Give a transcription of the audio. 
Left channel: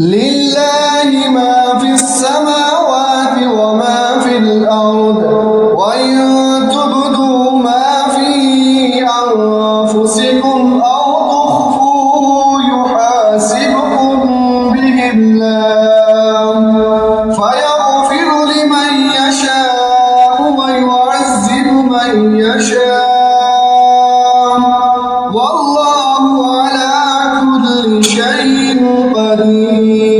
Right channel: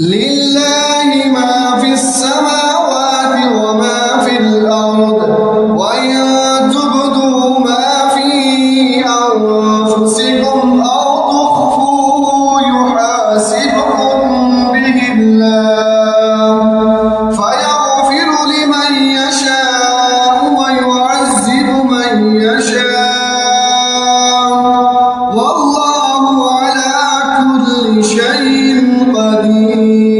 لله ما في السماوات وما في الأرض وإن تبدوا ما في أنفسكم أو تخفوه يحاسبكم به الله فيغفر لمن يشاء ويعذب من يشاء والله على كل شيء قدير.